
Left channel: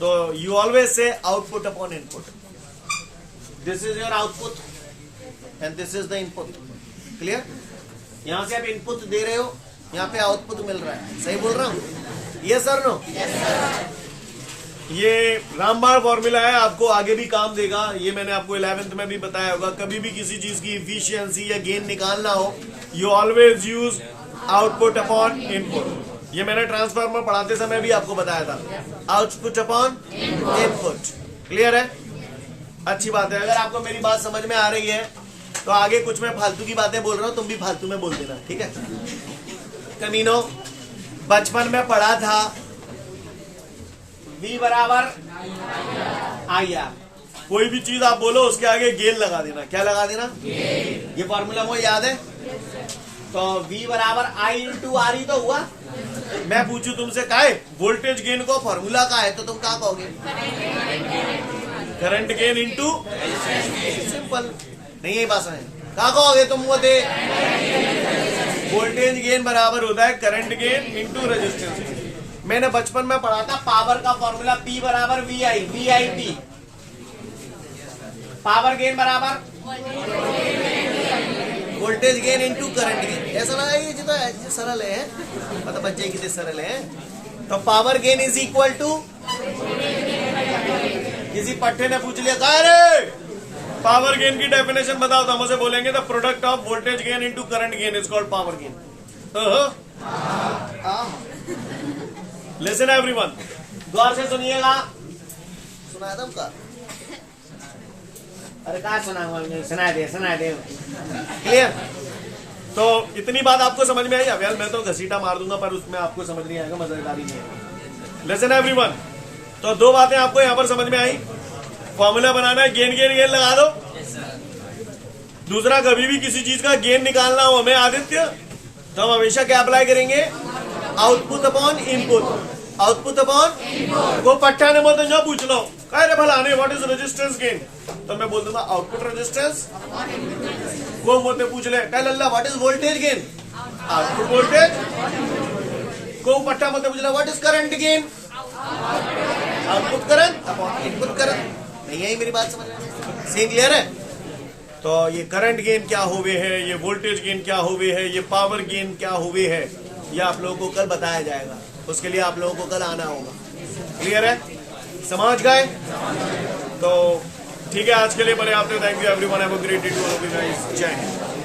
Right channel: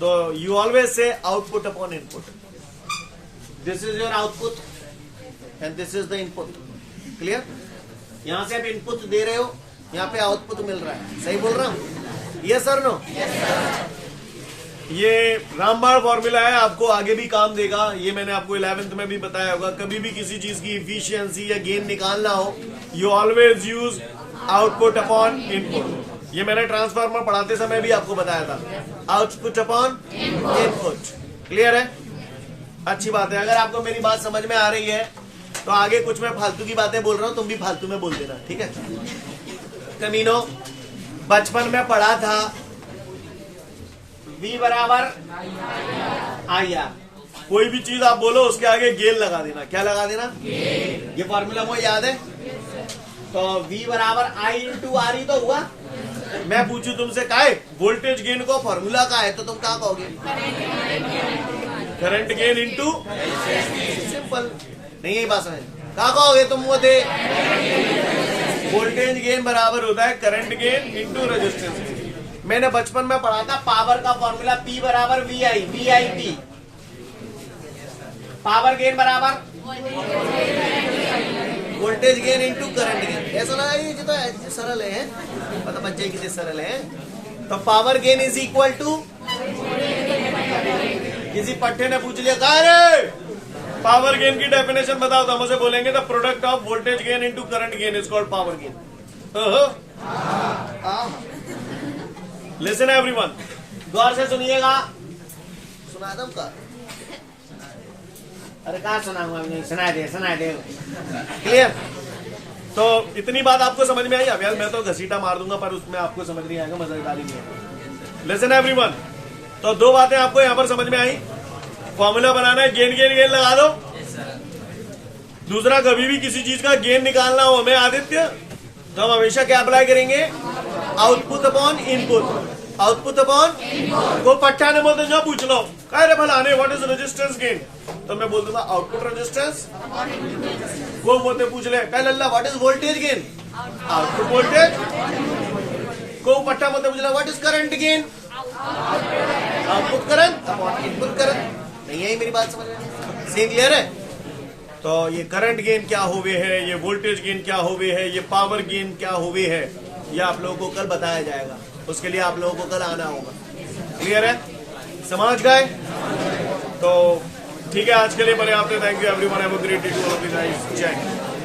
तो you always say output upon input. This is your output and this is the input. Clear? यहां से आप इनपुट दे रहे हो, यहां पे आउटपुट मिल रहा है। सही बोल रहा हूं? Yes sir, no? ये रामबाण फॉर्मूला है, आपको आगे भी काम देगा। ये मैंने आपको 11th में भी बताया होगा। कभी भी किसी चीज की इफिशियंसी या गेन निकालना हो, you always use output upon input. ये मैंने ट्रांसफार्मर पढ़ाते समय भी आपको बताया था, आउटपुट अपॉन इनपुट। क्लियर है? अच्छी बात है। अगर आपको मेरी बात समझ में आ रही है तो आगे कुछ मैं फालतू की बातें बोल रहा हूं, तुम भी फालतू में बोल देना। ठीक है? कमीनो, बचपन में पढ़ा था V बराबर IR। कोई भी चीज आप बोलो उसके आगे गेन लगा देना। क्या लगा देना? ये फॉर्मूला मुझे याद है। तो V बराबर I इंटू आर ही तो हुआ। मैं पूछू तुमसे का है वोल्टेज गेन को फॉर्मूला का है, तो तुम क्या कहोगे? Current gain into, simple. नहीं यही बात है, क्या कहोगे तुम? वो दे वोल्टेज गेन बराबर होता है करंट गेन इंटू रेजिस्टेंस। मैंने बचपन में पढ़ा था पावर का फॉर्मूला P बराबर VI। पावर गेन बराबर voltage gain into current gain. ऐसा लगा ये जो सरल है, मतलब बच्चे कितने सरल है। तो power gain is equal to किसी पट्टे ने पूछ लिया काय रे पावर गेन की डेफिनेशन बताओ तो हम उसे बोलेंगे the product of voltage gain into current gain is called power gain. Listen everyone, गौर से सुनिएगा. सुना तुमका? अरे कहा सुना? सुना दे. क्लियर? तो इतनी बात आपको समझ में आई. अभी मैं तो घसीटा मार दूंगा पर उसमें आपको समझ नहीं आएगा, मजेदारी नहीं है. लिसन एवरीवन, तो दो बातें आपको यहां पर समझ में आई. फॉर्मूला बनाना है, गेन गेन गेन लगा दो. दूसरा, कभी भी किसी चीज का गेन निकालना हो हमें आदित्य, तो हम हमेशा क्या अप्लाई करेंगे? Output upon input. Output upon को पट्टा ने बोलते जब पूछ लो कह रे भला व्हाट इज रेजिस्टेंस गेन, तो मैं बोल दूंगा आउटपुट रेजिस्टेंस. को बोलते पूछ ले कह लल्ला what is voltage gain, output voltage. को पट्टा बोलते पूछ ले what is current gain, output current upon input current. नहीं आई मेरी बात समझ में? सीन क्लियर है? तो ये करंट गेन क्या हुए है, ये वोल्टेज गेन क्या हुए है, ये पावर गेन क्या हुए है, ये आप लोगों को कल बताया जाएगा. उसके लिए आप लोगों को कल आना होगा. क्लियर है? समझ गए? तो ठीक है, आज के लिए पर्याप्त है. Thank you everyone. Have a great day to all of you guys. जय हिंद.